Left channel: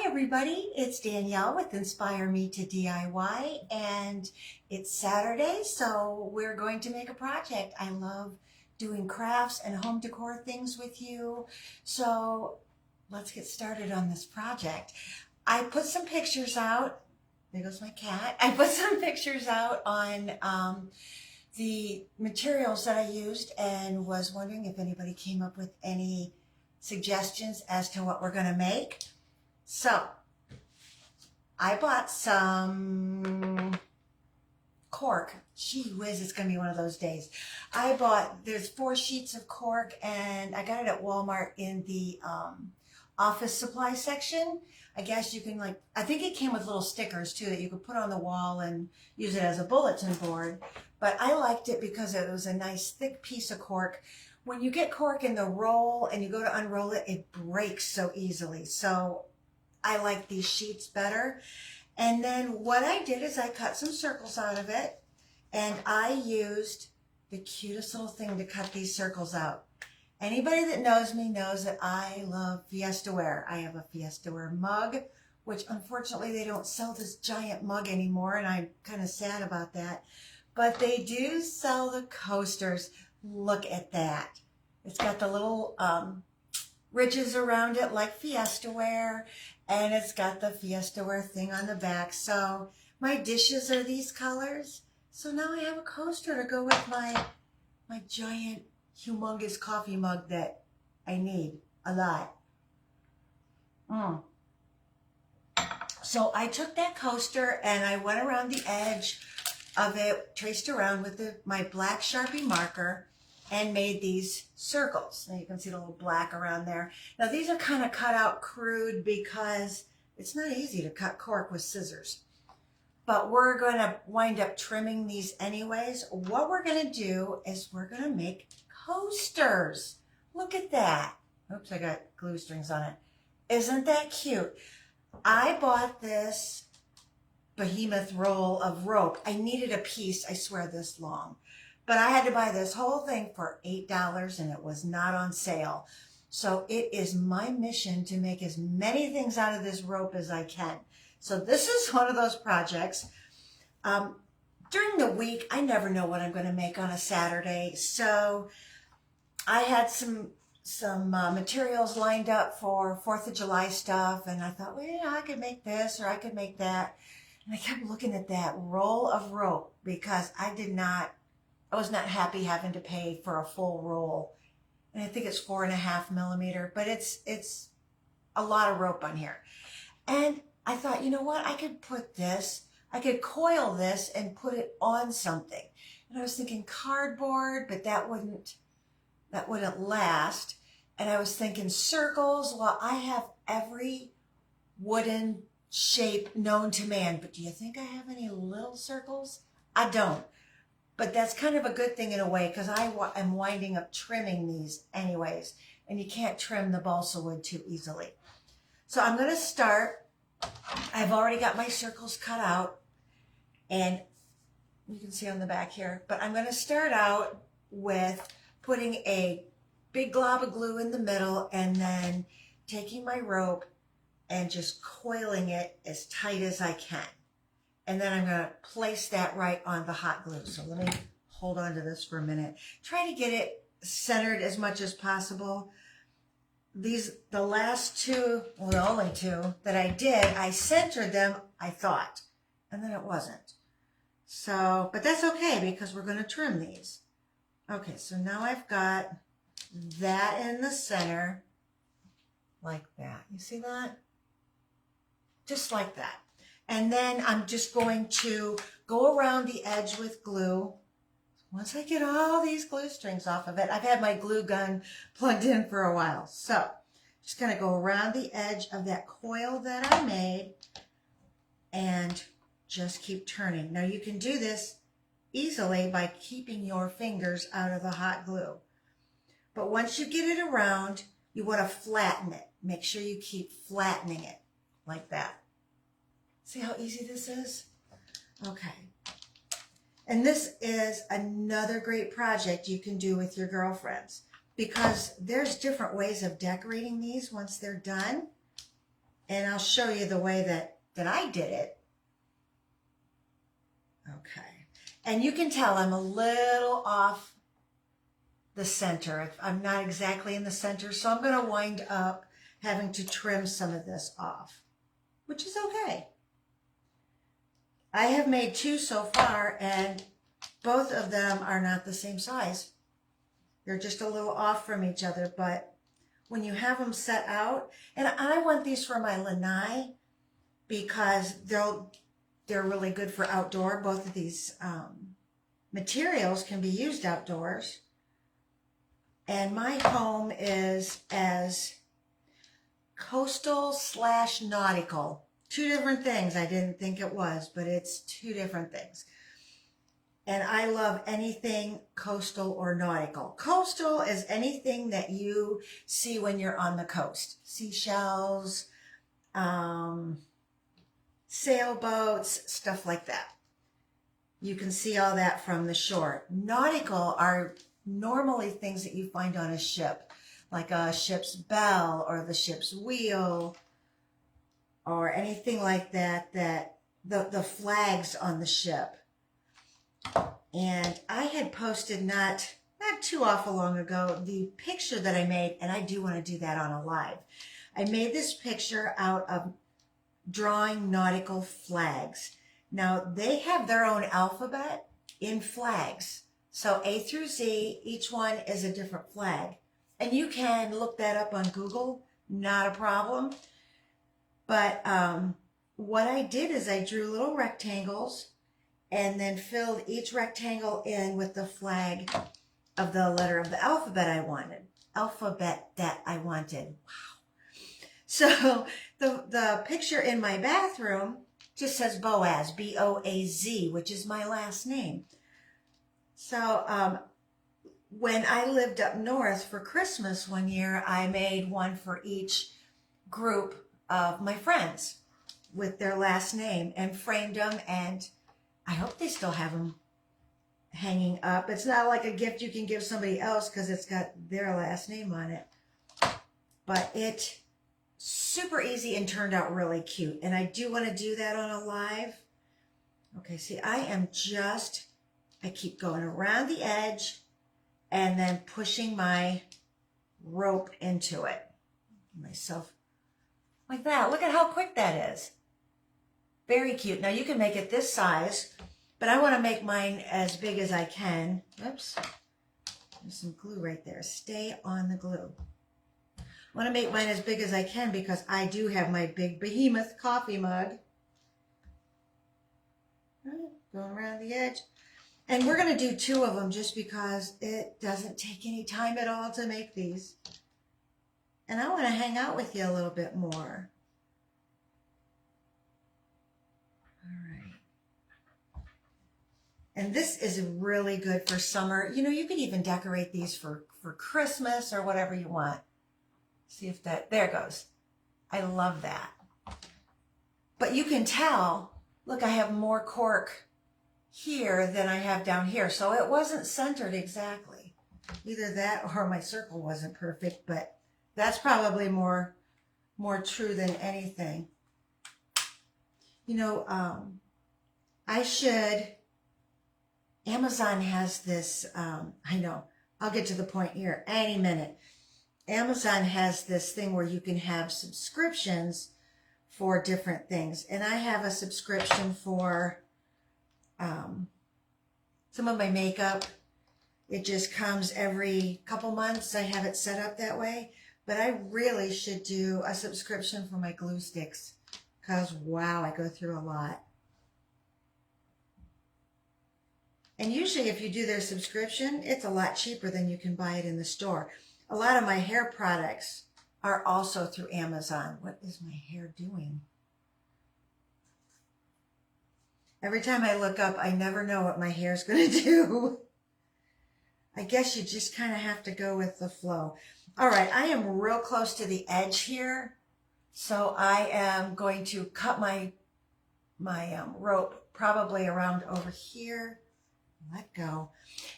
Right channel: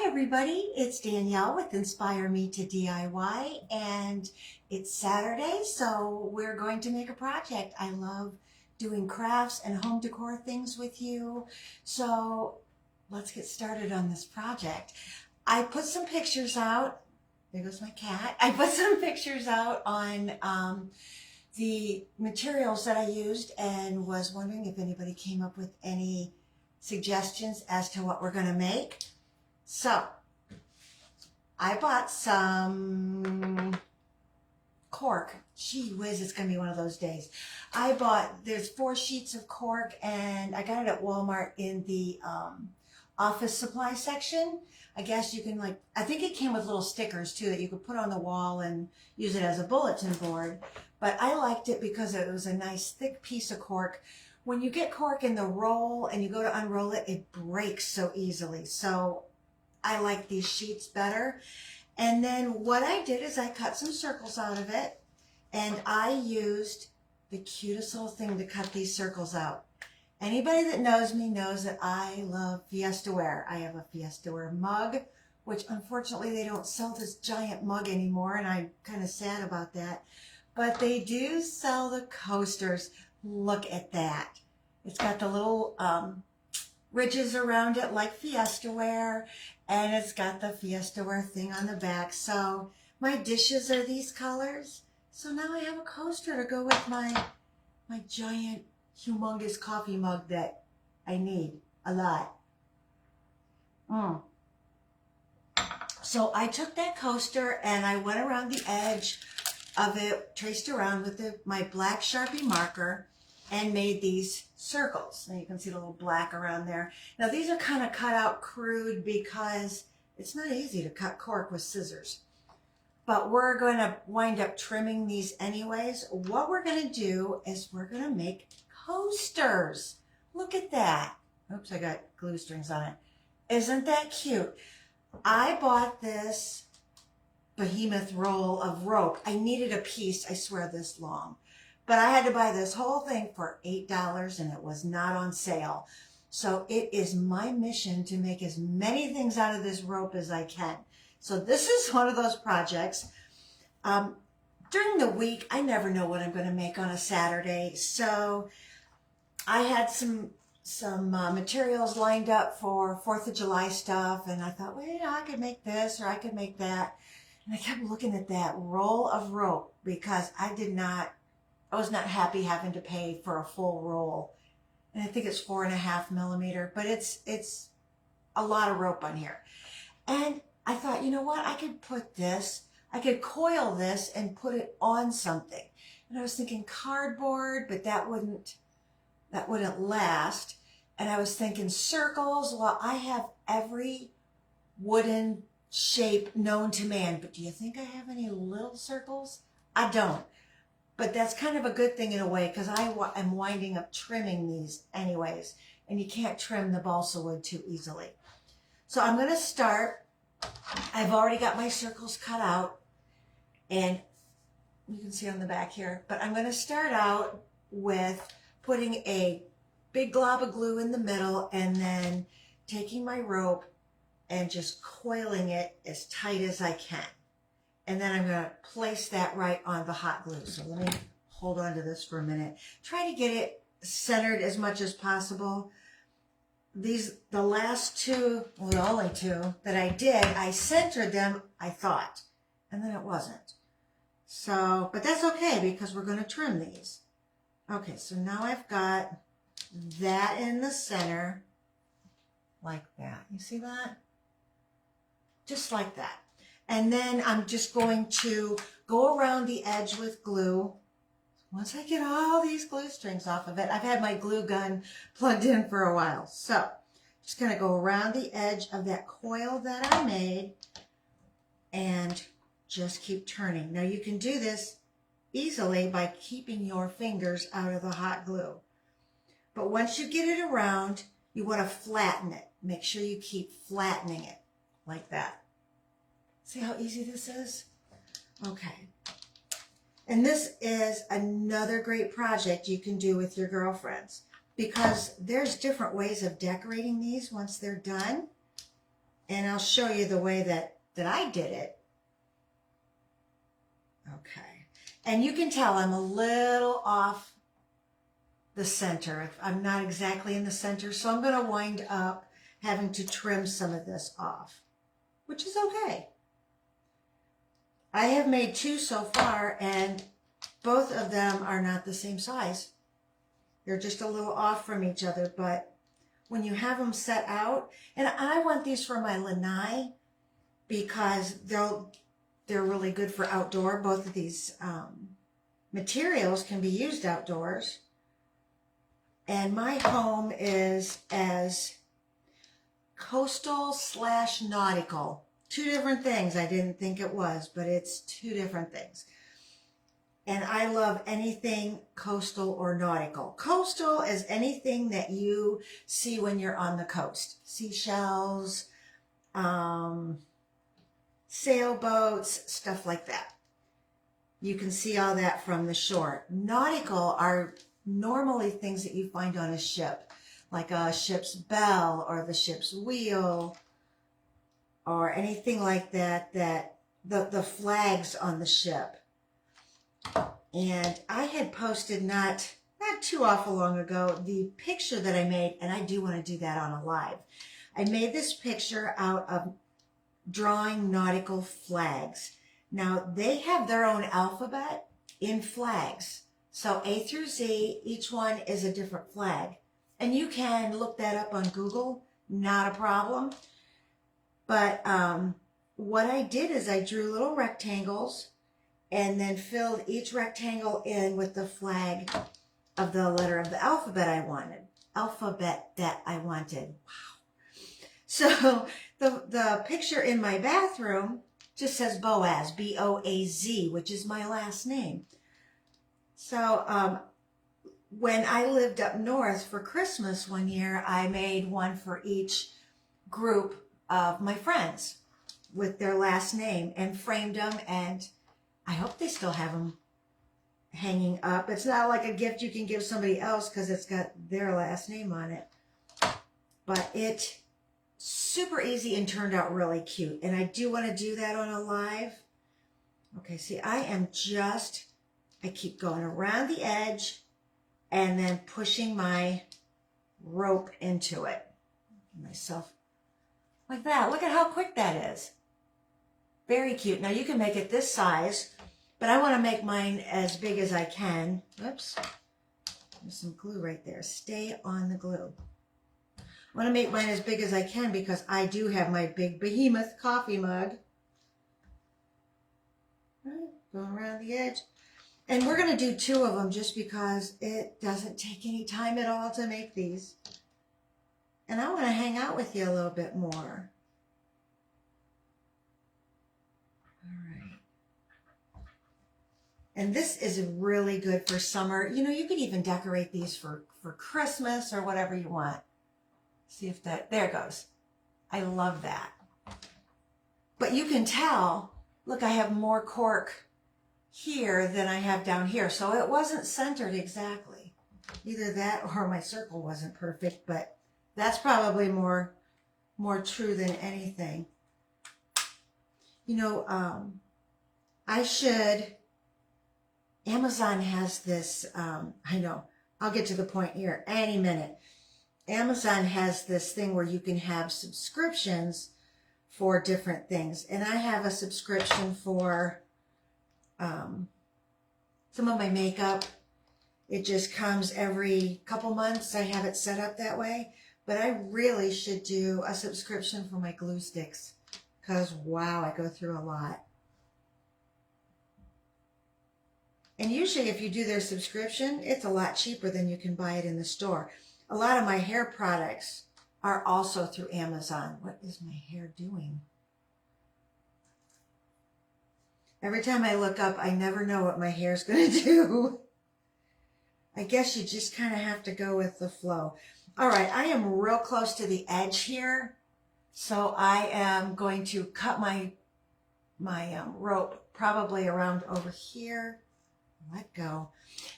Hi everybody, it's Danielle with Inspire Me to DIY, and it's Saturday, so we're going to make a project. I love doing crafts and home decor things with you, so let's get started on this project. I put some pictures out. There goes my cat. I put some pictures out on the materials that I used and was wondering if anybody came up with any suggestions as to what we're going to make. So I bought some cork. Gee whiz, it's going to be one of those days. There's 4 sheets of cork, and I got it at Walmart in the office supply section. I guess you can, I think it came with little stickers too that you could put on the wall and use it as a bulletin board. But I liked it because it was a nice thick piece of cork. When you get cork in the roll and you go to unroll it, it breaks so easily. So I like these sheets better. And then what I did is I cut some circles out of it, and I used the cutest little thing to cut these circles out. Anybody that knows me knows that I love Fiestaware. I have a Fiestaware mug, which unfortunately they don't sell this giant mug anymore, and I'm kind of sad about that. But they do sell the coasters. Look at that. It's got the little ridges around it like Fiestaware, and it's got the Fiestaware thing on the back. So my dishes are these colors. So now I have a coaster to go with my giant, humongous coffee mug that I need a lot. So I took that coaster and I went around the edge of it, traced around with my black Sharpie marker, and made these circles. And you can see the little black around there. Now these are kind of cut out crude because it's not easy to cut cork with scissors. But we're going to wind up trimming these anyways. What we're going to do is we're going to make coasters. Look at that. Oops, I got glue strings on it. Isn't that cute? I bought this behemoth roll of rope. I needed a piece, I swear, this long. But I had to buy this whole thing for $8, and it was not on sale. So it is my mission to make as many things out of this rope as I can. So this is one of those projects. During the week, I never know what I'm going to make on a Saturday. So I had some materials lined up for 4th of July stuff, and I thought, well, I could make this or I could make that. And I kept looking at that roll of rope because I was not happy having to pay for a full roll. And I think it's 4.5 millimeter, but it's a lot of rope on here. And I thought, you know what? I could coil this and put it on something. And I was thinking cardboard, but that wouldn't last. And I was thinking circles. Well, I have every wooden shape known to man, but do you think I have any little circles? I don't. But that's kind of a good thing in a way, because I am winding up trimming these anyways, and you can't trim the balsa wood too easily. So I'm going to start. I've already got my circles cut out, and you can see on the back here, but I'm going to start out with putting a big glob of glue in the middle, and then taking my rope and just coiling it as tight as I can. And then I'm going to place that right on the hot glue. So let me hold on to this for a minute. Try to get it centered as much as possible. The last two, well, the only two that I did, I centered them, I thought, and then it wasn't. So, but that's okay because we're going to trim these. Okay, so now I've got that in the center, like that. You see that? Just like that. And then I'm just going to go around the edge with glue. Once I get all these glue strings off of it, I've had my glue gun plugged in for a while. So just going to go around the edge of that coil that I made and just keep turning. Now you can do this easily by keeping your fingers out of the hot glue. But once you get it around, you want to flatten it. Make sure you keep flattening it like that. See how easy this is? Okay. And this is another great project you can do with your girlfriends, because there's different ways of decorating these once they're done. And I'll show you the way that I did it. Okay. And you can tell I'm a little off the center. I'm not exactly in the center, so I'm going to wind up having to trim some of this off, which is okay. I have made 2 so far, and both of them are not the same size. They're just a little off from each other, but when you have them set out, and I want these for my lanai because they're really good for outdoor. Both of these materials can be used outdoors. And my home is as coastal / nautical. 2 different things. I didn't think it was, but it's 2 different things. And I love anything coastal or nautical. Coastal is anything that you see when you're on the coast. Seashells, sailboats, stuff like that. You can see all that from the shore. Nautical are normally things that you find on a ship, like a ship's bell or the ship's wheel or anything like that, the flags on the ship. And I had posted not too awful long ago the picture that I made, and I do want to do that on a live. I made this picture out of drawing nautical flags. Now, they have their own alphabet in flags. So A through Z, each one is a different flag. And you can look that up on Google, not a problem. But what I did is I drew little rectangles and then filled each rectangle in with the flag of the letter of the alphabet I wanted. Wow. So the picture in my bathroom just says Boaz, B-O-A-Z, which is my last name. So when I lived up north for Christmas one year, I made one for each group of my friends with their last name and framed them, and I hope they still have them hanging up. It's not like a gift you can give somebody else because it's got their last name on it. But it super easy and turned out really cute. And I do want to do that on a live. Okay, see, I keep going around the edge and then pushing my rope into it. Myself like that. Look at how quick that is. Very cute. Now you can make it this size, but I want to make mine as big as I can. Whoops. There's some glue right there. Stay on the glue. I want to make mine as big as I can because I do have my big behemoth coffee mug. Going around the edge. And we're going to do 2 of them just because it doesn't take any time at all to make these. And I want to hang out with you a little bit more. All right. And this is really good for summer. You know, you could even decorate these for Christmas or whatever you want. See if that, there it goes. I love that. But you can tell, look, I have more cork here than I have down here. So it wasn't centered exactly. Either that or my circle wasn't perfect, but that's probably more true than anything. You know, Amazon has this, I know, I'll get to the point here any minute. Amazon has this thing where you can have subscriptions for different things. And I have a subscription for some of my makeup. It just comes every couple months. I have it set up that way. But I really should do a subscription for my glue sticks because, wow, I go through a lot. And usually if you do their subscription, it's a lot cheaper than you can buy it in the store. A lot of my hair products are also through Amazon. What is my hair doing? Every time I look up, I never know what my hair's going to do. I guess you just kind of have to go with the flow. All right, I am real close to the edge here. So I am going to cut my rope probably around over here. Let go.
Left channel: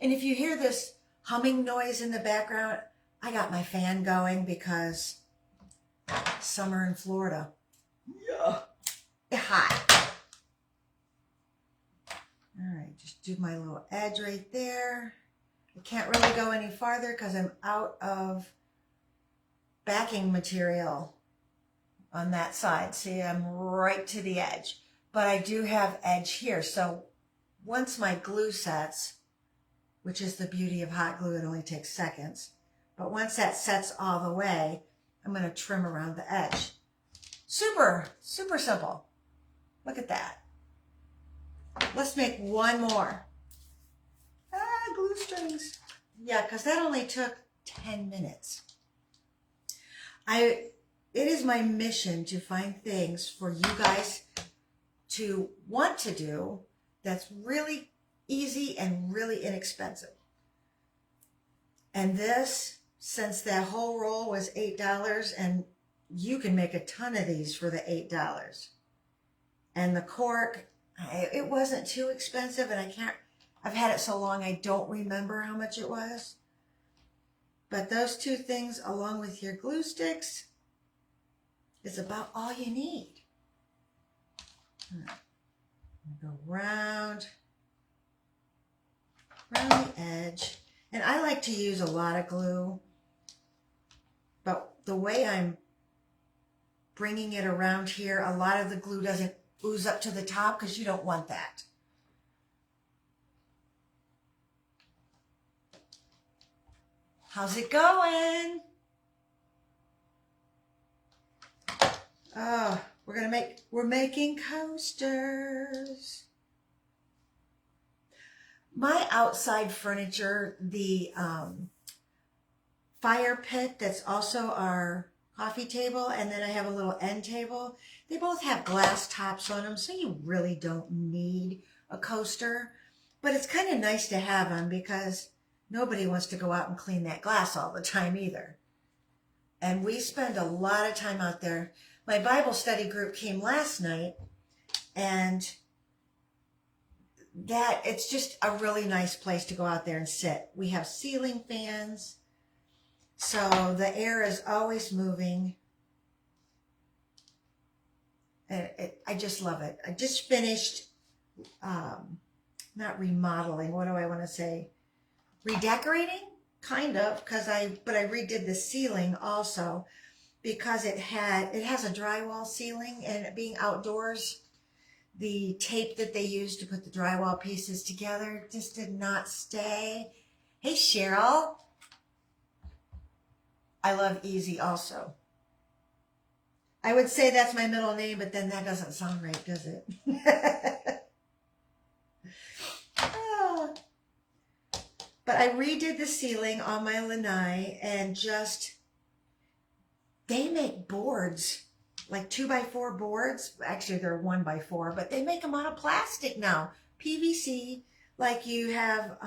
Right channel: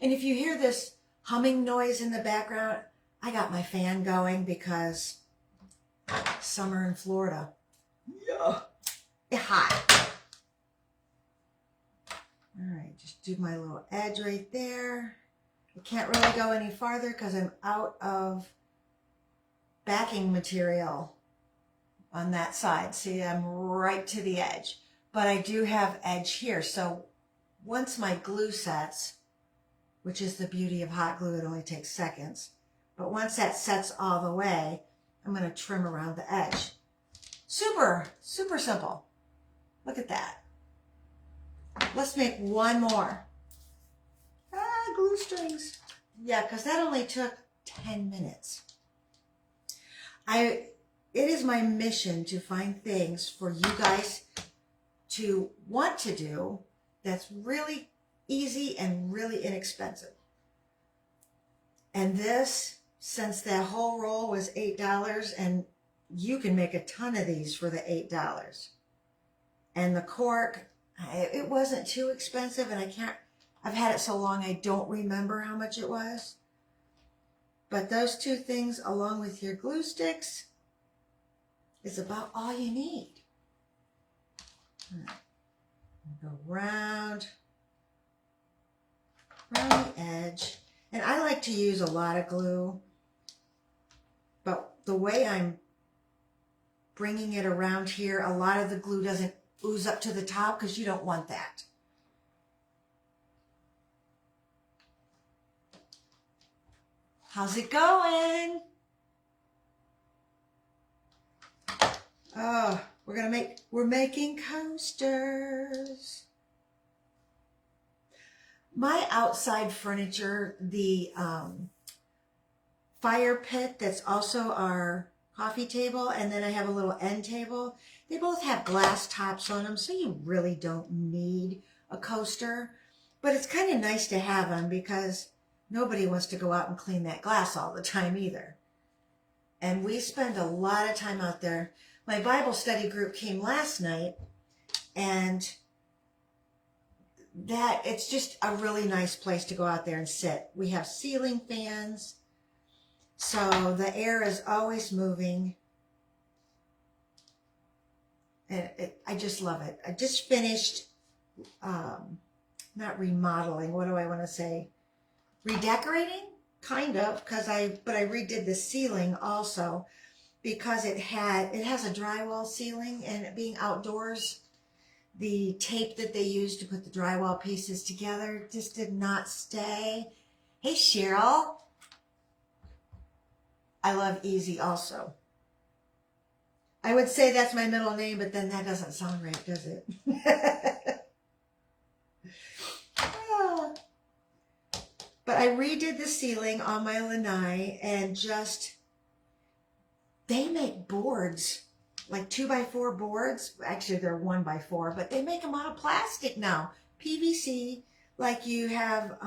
And if you hear this humming noise in the background, I got my fan going because summer in Florida. Yeah. Hot. All right, just do my little edge right there. I can't really go any farther because I'm out of backing material on that side. See, I'm right to the edge, but I do have edge here. So once my glue sets, which is the beauty of hot glue, it only takes seconds. But once that sets all the way, I'm going to trim around the edge. Super, super simple. Look at that. Let's make one more. Glue strings. Yeah, because that only took 10 minutes. It is my mission to find things for you guys to want to do that's really easy and really inexpensive. And this, since that whole roll was $8, and you can make a ton of these for the $8. And the cork, it wasn't too expensive, and I've had it so long I don't remember how much it was. But those two things, along with your glue sticks, is about all you need. Go round the edge. And I like to use a lot of glue, but the way I'm bringing it around here, a lot of the glue doesn't ooze up to the top because you don't want that. How's it going? Oh, we're making coasters. My outside furniture, the fire pit that's also our coffee table, and then I have a little end table. They both have glass tops on them, so you really don't need a coaster. But it's kind of nice to have them because nobody wants to go out and clean that glass all the time either. And we spend a lot of time out there. My Bible study group came last night, and it's just a really nice place to go out there and sit. We have ceiling fans, so the air is always moving. And I just love it. I just finished, not remodeling, what do I want to say? Redecorating, kind of, but I redid the ceiling also because it has a drywall ceiling, and being outdoors, the tape that they used to put the drywall pieces together just did not stay. Hey, Cheryl. I love Easy also. I would say that's my middle name, but then that doesn't sound right, does it? But I redid the ceiling on my lanai, and they make boards, like 2x4 boards. Actually, they're 1x4, but they make them out of plastic now. PVC, like you have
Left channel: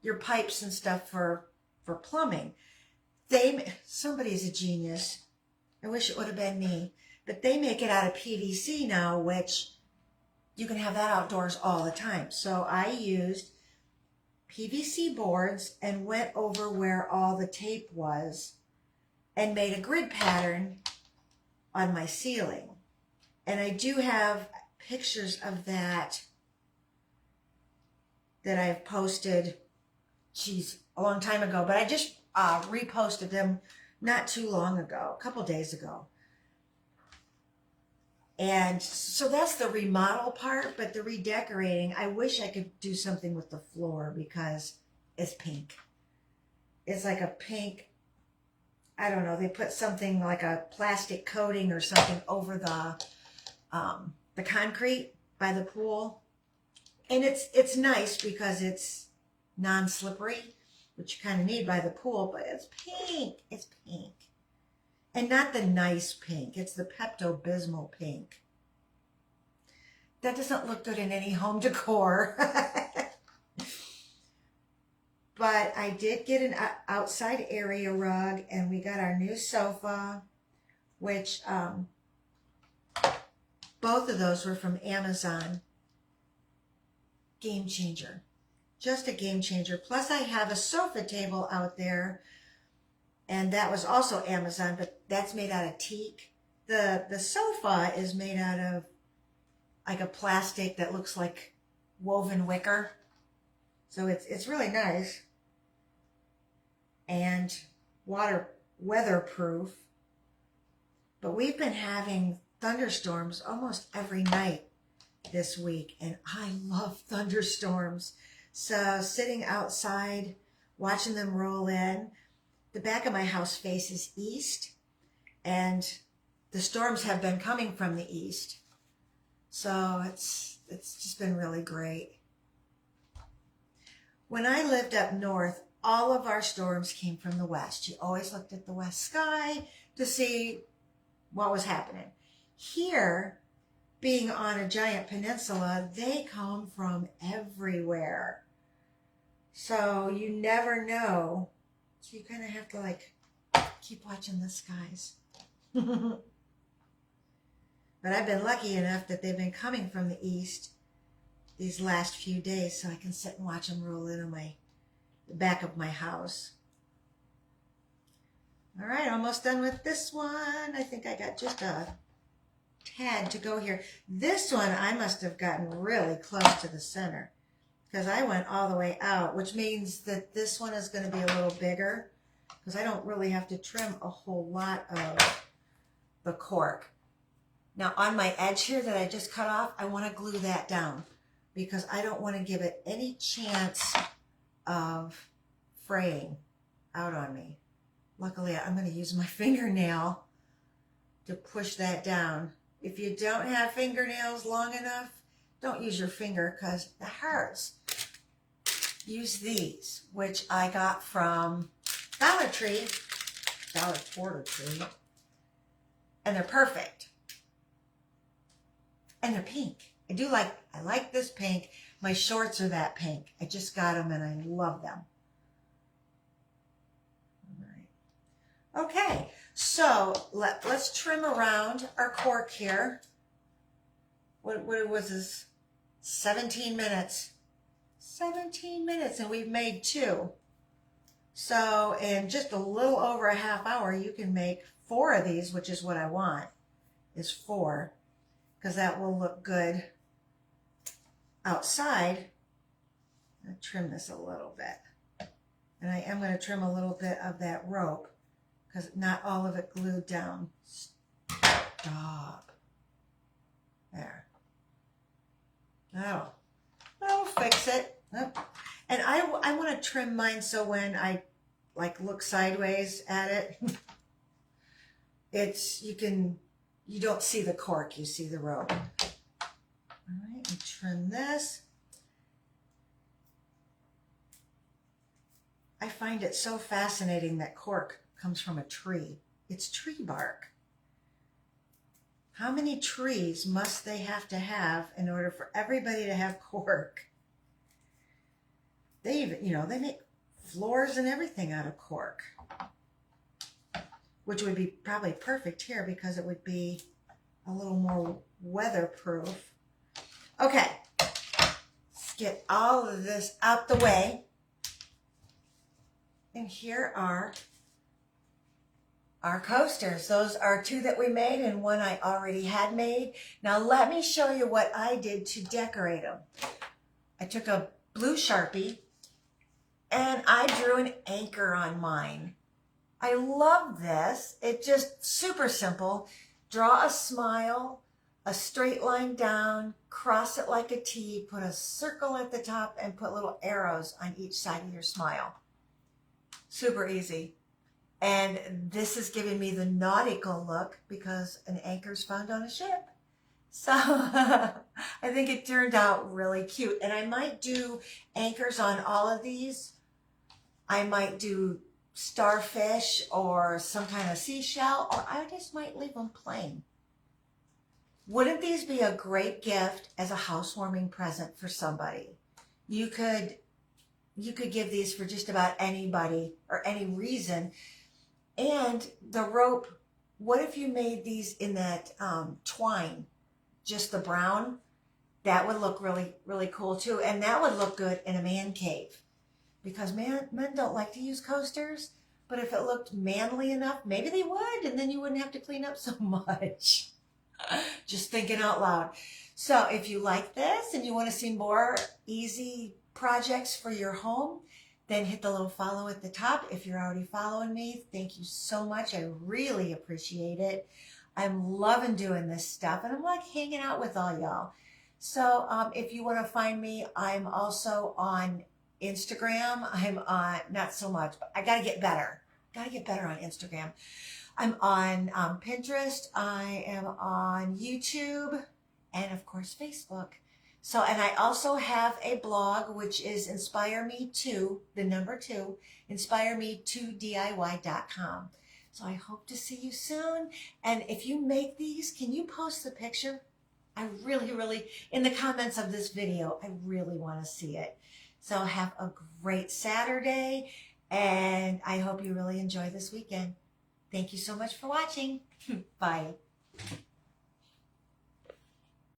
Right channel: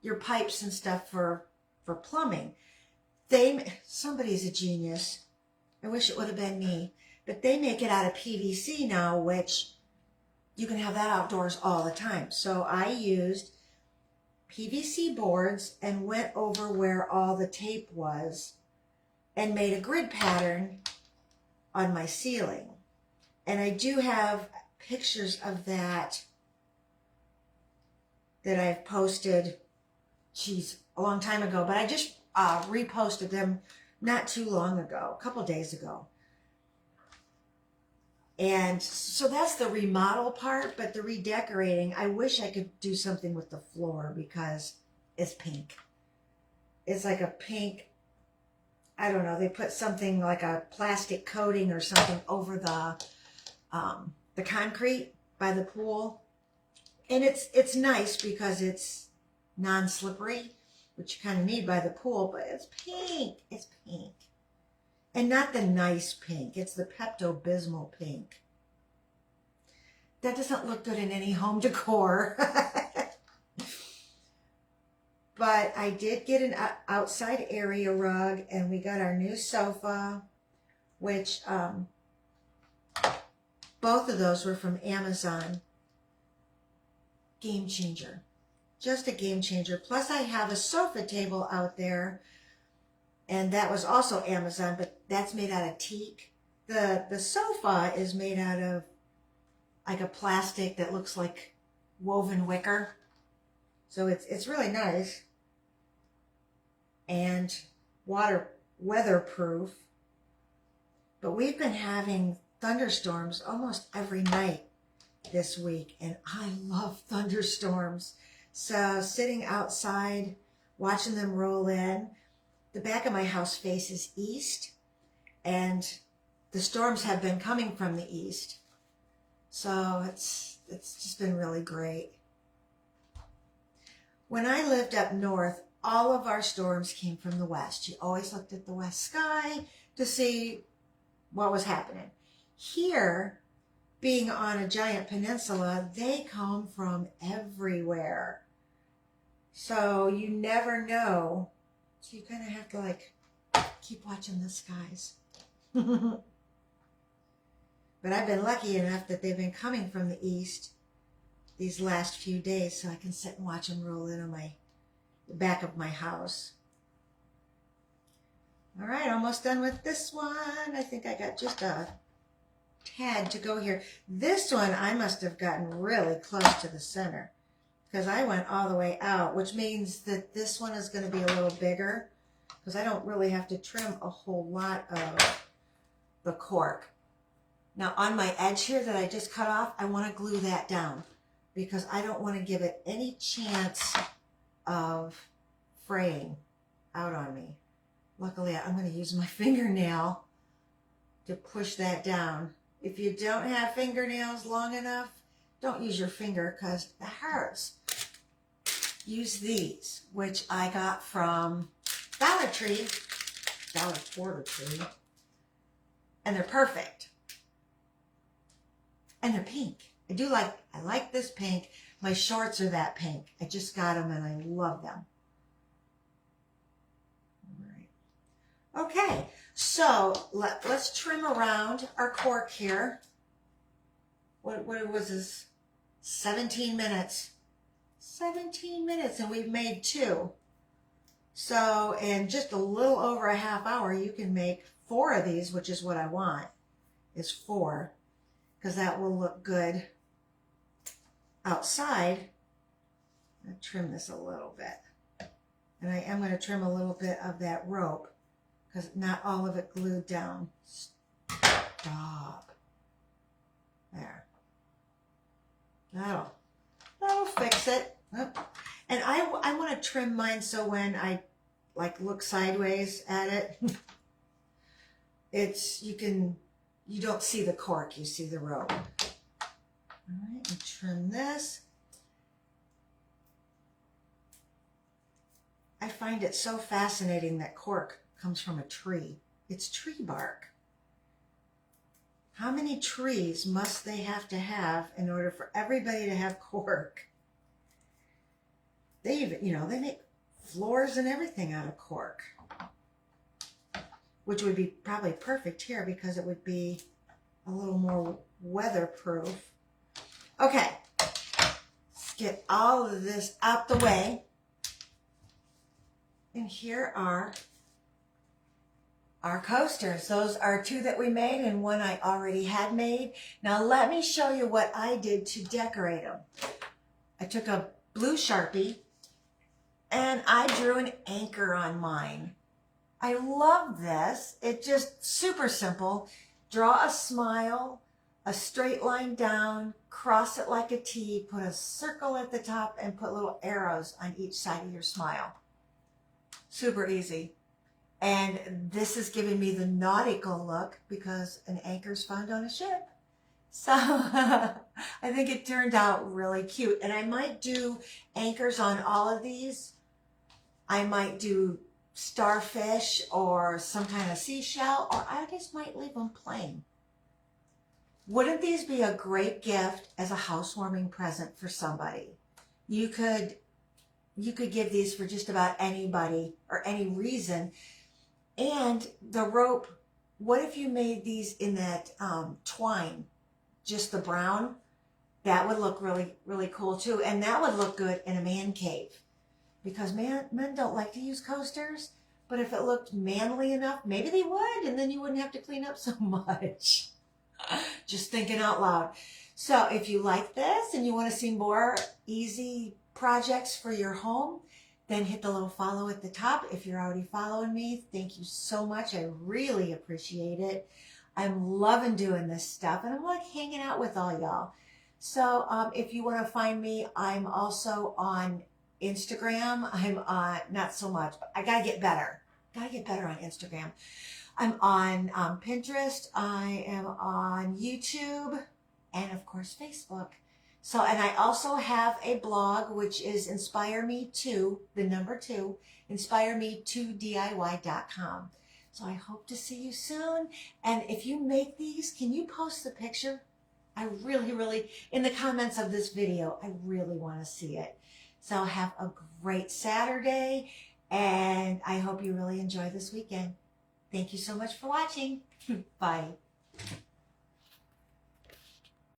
your pipes and stuff for plumbing. Somebody's a genius. I wish it would have been me. But they make it out of PVC now, which you can have that outdoors all the time. So I used PVC boards and went over where all the tape was and made a grid pattern on my ceiling. And I do have pictures of that I've posted, a long time ago, but I just reposted them not too long ago, a couple days ago. And so that's the remodel part, but the redecorating, I wish I could do something with the floor because it's pink. It's like a pink, I don't know, they put something like a plastic coating or something over the concrete by the pool. And it's nice because it's non-slippery, which you kind of need by the pool, but it's pink. It's pink. And not the nice pink. It's the Pepto-Bismol pink. That doesn't look good in any home decor. But I did get an outside area rug, and we got our new sofa, which both of those were from Amazon. Game changer. Just a game changer. Plus I have a sofa table out there, and that was also Amazon, but that's made out of teak. The sofa is made out of like a plastic that looks like woven wicker. So it's really nice and weatherproof. But we've been having thunderstorms almost every night this week, and I love thunderstorms. So sitting outside, watching them roll in. The back of my house faces east, and the storms have been coming from the east. So it's just been really great. When I lived up north, all of our storms came from the west. You always looked at the west sky to see what was happening. Here, being on a giant peninsula, they come from everywhere. So you never know. So you kind of have to like keep watching the skies. But I've been lucky enough that they've been coming from the east these last few days, so I can sit and watch them roll in on the back of my house. All right, almost done with this one. I think I got just a tad to go here. This one, I must have gotten really close to the center because I went all the way out, which means that this one is going to be a little bigger because I don't really have to trim a whole lot of the cork. Now on my edge here that I just cut off, I want to glue that down because I don't want to give it any chance of fraying out on me. Luckily, I'm going to use my fingernail to push that down. If you don't have fingernails long enough, don't use your finger because it hurts. Use these, which I got from Dollar Tree, Quarter Tree, and they're perfect. And they're pink. I like this pink. My shorts are that pink. I just got them and I love them. All right. Okay, so let's trim around our cork here. What was this? 17 minutes. 17 minutes, and we've made 2. So in just a little over a half hour, you can make 4 of these, which is what I want, is 4, because that will look good outside. I'm going to trim this a little bit. And I am going to trim a little bit of that rope, because not all of it glued down. Stop. There. That'll fix it. And I want to trim mine so when I like look sideways at it, you don't see the cork, you see the rope. All right, and trim this. I find it so fascinating that cork comes from a tree. It's tree bark. How many trees must they have to have in order for everybody to have cork? They even, they make floors and everything out of cork, which would be probably perfect here because it would be a little more weatherproof. Okay, let's get all of this out the way. And here are our coasters. Those are 2 that we made and 1 I already had made. Now let me show you what I did to decorate them. I took a blue Sharpie and I drew an anchor on mine. I love this. It's just super simple. Draw a smile, a straight line down, cross it like a T, put a circle at the top, and put little arrows on each side of your smile. Super easy. And this is giving me the nautical look because an anchor's found on a ship. So I think it turned out really cute. And I might do anchors on all of these. I might do starfish or some kind of seashell, or I just might leave them plain. Wouldn't these be a great gift as a housewarming present for somebody? You could give these for just about anybody or any reason. And the rope, what if you made these in that twine, just the brown? That would look really, really cool too. And that would look good in a man cave because men don't like to use coasters, But if it looked manly enough, maybe they would, and then you wouldn't have to clean up so much. Just thinking out loud. So if you like this and you want to see more easy projects for your home, then hit the little follow at the top. If you're already following me, thank you so much. I really appreciate it. I'm loving doing this stuff, and I'm like hanging out with all y'all. So if you want to find me, I'm also on Instagram. I'm on, not so much, but I got to get better. Got to get better on Instagram. I'm on Pinterest. I am on YouTube, and of course Facebook. So, and I also have a blog, which is Inspire Me To, the number 2, inspireme2diy.com. So I hope to see you soon. And if you make these, can you post the picture? I really, in the comments of this video, I really want to see it. So have a great Saturday, and I hope you really enjoy this weekend. Thank you so much for watching. Bye.